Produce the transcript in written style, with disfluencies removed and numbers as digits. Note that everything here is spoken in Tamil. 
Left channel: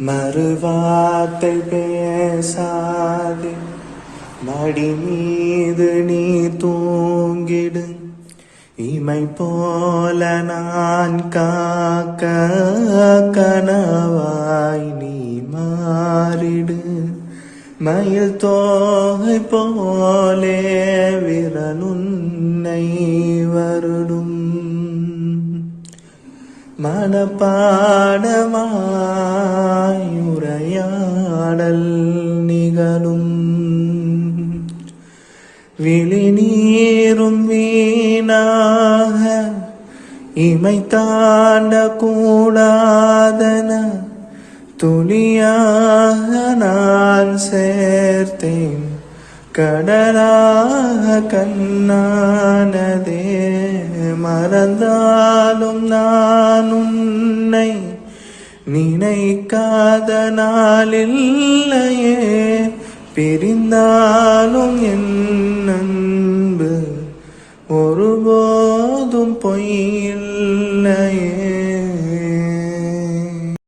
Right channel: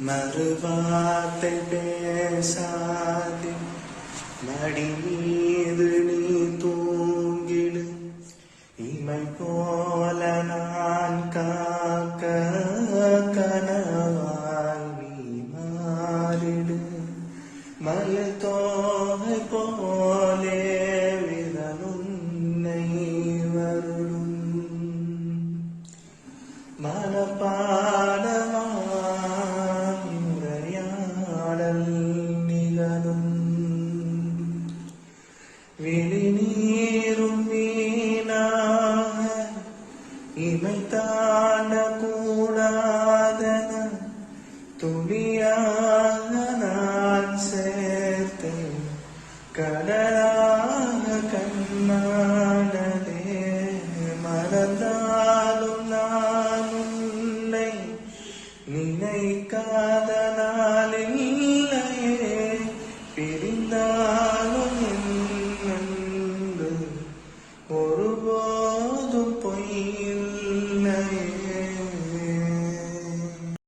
மறுவார்த்தை பேசாது மடி மீது நீ தூங்கிடு. இமை போல நான் காக்க கனவாய் நீ மாறிடு. மயில் தோகை போலே விரலுன்னை வருடும். மனப்பாடமாய் உரையாடல் நிகழும். விழி நீரும் வீணாக இமை தாண்ட கூடாதன துளியாக நான் சேர்த்தேன். கடலாக கண்ணானதே மறந்தாலும் நான் உன்னை நினைக்காத நாளில்லையே. பிரிந்தாலும் என்